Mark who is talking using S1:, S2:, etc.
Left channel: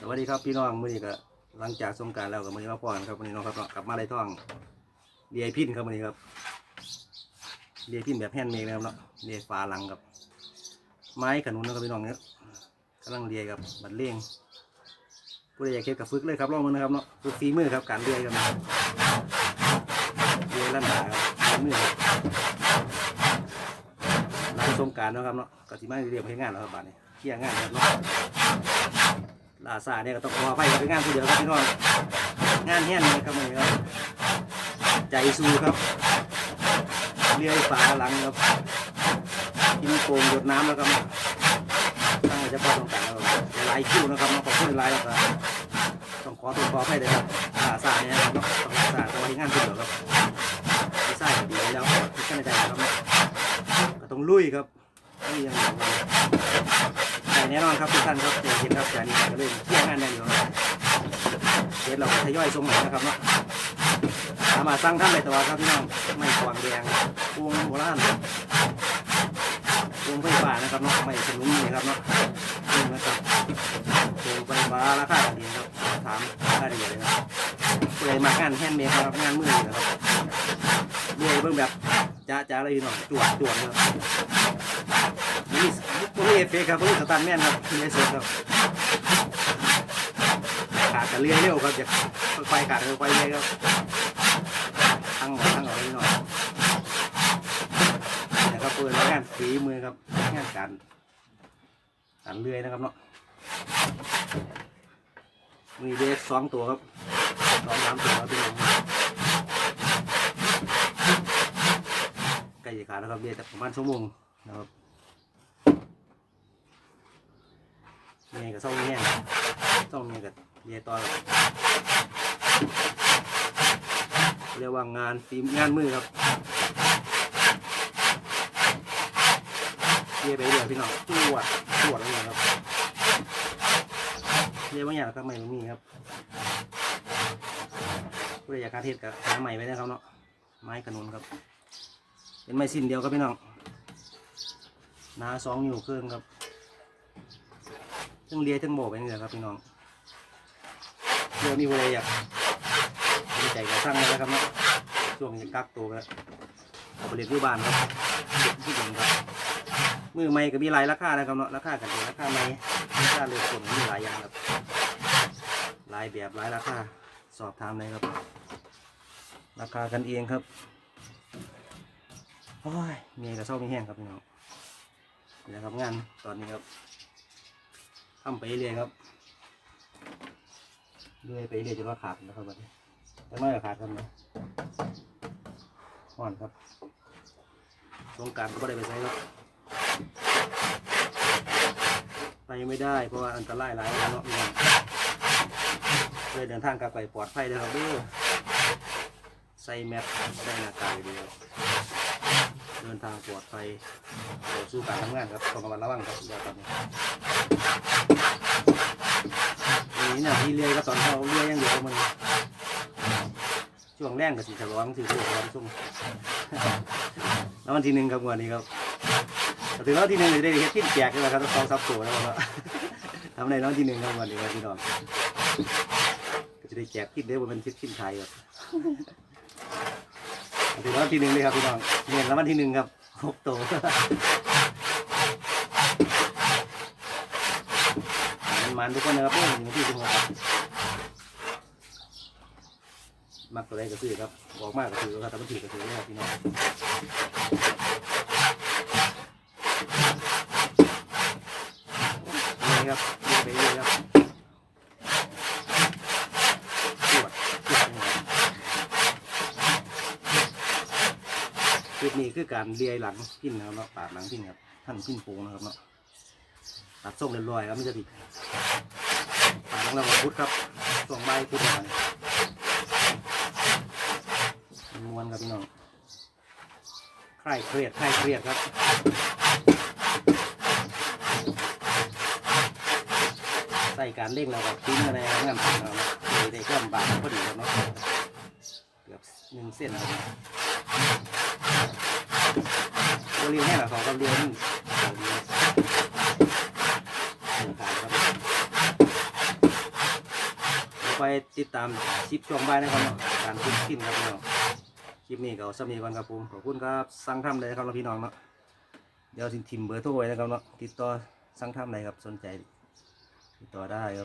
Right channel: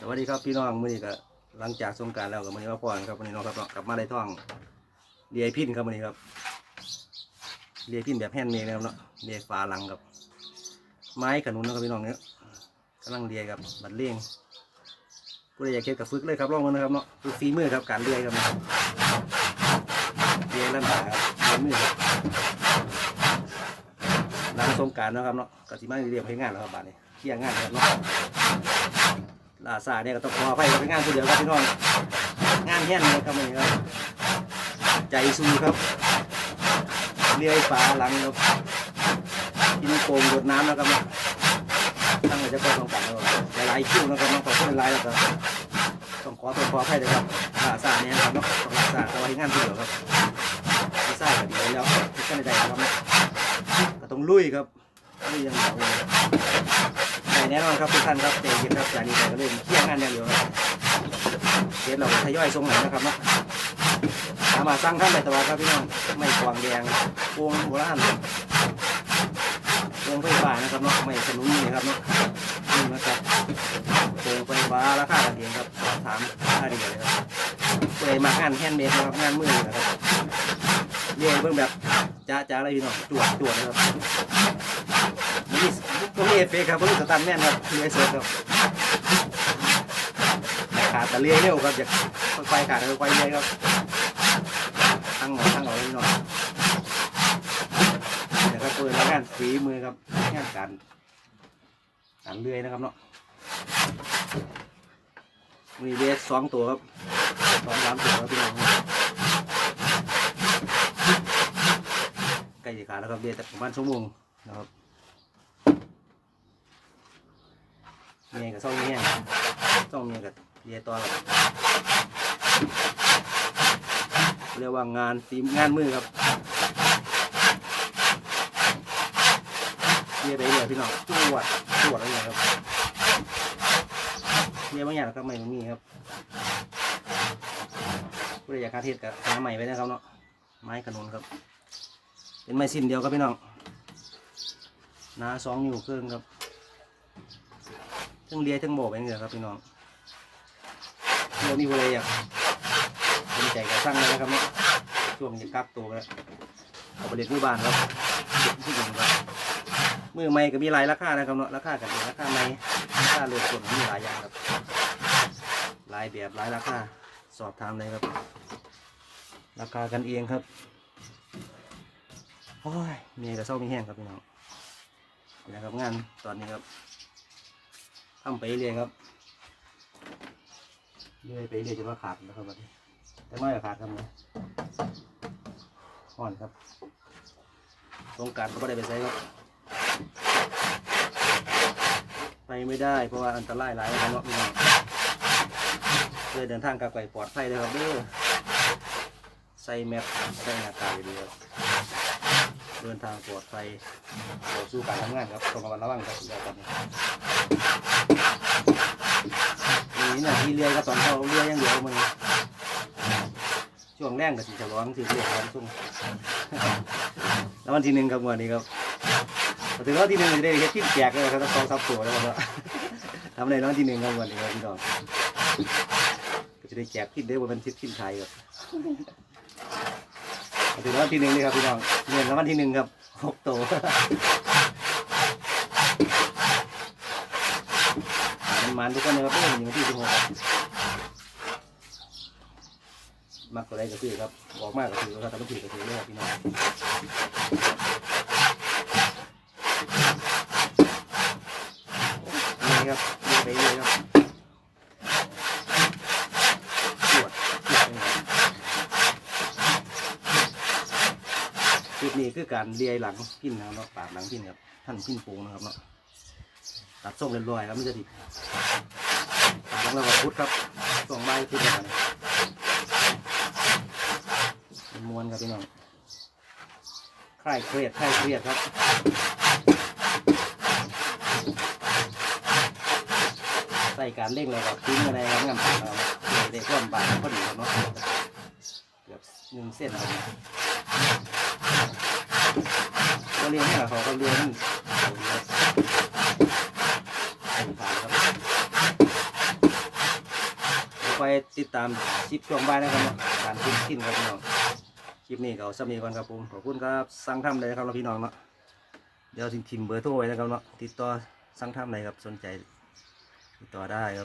S1: สวัสดีครับพี่น้องมื้อนี้ก็หลังจากสงการแล้วก็มื้อนี้มาพ่อนครับมื้อนี้น้องครับเนาะกลับมาได้ท่องเดียพินครับมื้อนี้ครับเดียพินแบบแฮนด์เมดนะครับเนาะเดียฝาหลังครับ ไม้ขนุนนะครับพี่น้องเนี่ยกำลังเดียกับบัดเลี้ยงผู้ใดอยากเก็บกับฝึกเลยครับลองมานะครับเนาะฝึกฝีมือครับการเดียครับนะครับเดียระดับฝีมือครับหลังสงการนะครับเนาะก็สิมาเรียนเพลงงานแล้วครับบ้าดนี้เคลียร์งานครับเนาะาซาเนี่ยก็ต้องขออภัยกับงานที่เดียวครับพี่น้องงานแห้งเลยครับมือครับใจสู้ครับเลี้ยวฝาหลังครับกินโกงหยดน้ำแล้วครับทำไมจะพอต้องการเราหลายคิวนะครับน้องขอโทษหลายแล้วก็ต้องขอตัวขออภัยเลยครับลาซาเนี่ยครับต้องลาซาแต่ว่าที่งานที่เดียวครับลาซาก็ดีแล้วกท่านใจครับก็ต้องลุยครับนี่ยังเหนียวเลย แต่แน่นอนครับทุกท่านครับใจเย็นครับจากนี้เราก็เล่นเที่ยงงานอย่างเดียวครับเดี๋ยวเราทยอยส่งหน่อยนะครับเนาะสามารถสร้างท่านได้ตลอดครับพี่น้องไม่กวางแดงพวงโบราณพวงไฟฟ้านะครับเนาะไม่ขนุนนี่ครับเนาะนี่นะครับพวงไฟฟ้าราคาเดียวครับสอบถามได้เลยครับเลยมางานแฮนด์เมดนะครับงานมือนะครับเยนเบิ่งแบบจ้าจ้าเลยพี่น้องตรวจตรวจนะครับ นี่ตรงนี้เอฟเฟกต์ครับตรงนี้สตันแน่นครับไม่เสร็จครับขาดแต่เลี้ยเร็วครับอยากค่อยขาดค่อยเลี้ยครับตั้งหน่อยตั้งหน่อยนิดหน่อยนะครับเปิดรายงานฝีมือครับงานการการเลื่อยนะครับเนาะมีเบสสองตัวครับสองสามตัวครับพี่น้องใกล้จะขาดแล้วครับเบสประมาณชั่วโมงนะครับ เมียกับซ่องเมียซ่องเมียกับเยตอนเรียกว่างานฝีมงานมือครับเยไปเรื่อยพี่น้องตรวจตรวจอะไรครับเยบางอย่างก็ไม่มีครับผู้ใดอยากการเทศกับหาใหม่ไว้นะครับเนาะไม้ขนุนครับ เป็นไม้สิ้นเดียวครับพี่น้องหนาสองอยู่ครึ่งครับ ทั้งเลียทั้งโบกไปนี่แหละครับพี่น้องเดี๋ยวนี้เลยอยากสนใจกับสร้างเลยนะครับเนาะช่วงนี้กักตัวแล้วเอาไปเรียนที่บ้านครับที่หนึ่งครับมือใหม่ก็มีหลายราคานะครับเนาะราคากันเองราคาใหม่ราคาเลือกคนมีหลายอย่างครับหลายแบบหลายราคาสอบถามเลยครับ ราคากันเองครับโอ้ยนี่ก็เศร้ามีแห้งครับพี่น้องนะครับงานตอนนี้ครับ ทำไปเรื่อยครับเรื่อยไปเรื่อยจนว่าขาดนะครับวันนี้แต่ไม่ขาดครับนะห่อนครับสงการก็ไม่ได้ไปใช้ครับ ไปไม่ได้เพราะว่าอันตรายหลายแล้วเนาะพี่น้องเลยเดินทางกลับไปปลอดภัยเลยครับเด้อใส่แมสใส่หน้ากากดีครับเดินทางปลอดภัยต่อสู้การทำงานครับต้องระมัดระวังครับอย่าทำ นี่เนี่ยที่เรือก็ตอนเขาเรืออย่างเดียวมันช่วงแรกก็สิจะร้องถือเรือร้องซุ่มแล้ววันที่หนึ่งครับวันนี้ครับถึงแล้วที่หนึ่งได้เฮ็ดขึ้นแจกเลยครับต้องสองซับตัวแล้วครับทำในน้องที่หนึ่งครับวันนี้ครับพี่น้องก็จะได้แจกขึ้นได้ว่าเป็นชิดขึ้นไทยครับถึงแล้วที่หนึ่งเลยครับพี่น้องเงินแล้ววันที่หนึ่งครับหกตัว มันมันทุกคนนะครับเพื่อนอยู่ที่สิบหกครับมักตัวใดก็ซื้อครับบอกมากก็ซื้อครับแต่ไม่ถือก็ถือเลยครับพี่น้องนี่ครับเรื่ไปเรื่อยครับปวดปวดเลยครับคลิปนี้คือการเลียหลังพินนะครับเนาะปาดหลังพิ้นครับท่านพิ้นปงนะครับเนาะ ตัดส่งเรียบร้อยครับไม่จะติดตัดแล้วก็พุทครับส่งใบพุทธกันม้วนครับพี่น้องคลายเครียดคลายเครียดครับใส่การเร่งแล้วก็ทิ้งอะไรงานผ่านเราเลยได้เพิ่มบาทพอดีครับเนาะเกือบหนึ่งเส้นครับตัวเรียนให้เราเขาก็เรียนเอาเรียน ขาดครับ คอย ติดตามซิปช่วงบ่ายนะครับเนาะการทิ้งทิ้งครับพี่น้องคลิปนี้ก็เอาสำนีก่อนครับผมขอบคุณครับสั่งทำเลยครับพี่น้องเนาะเดี๋ยวสิทิมเบอร์โทรไว้นะครับเนาะติดต่อสั่งทำเลยครับสนใจติดต่อได้ครับ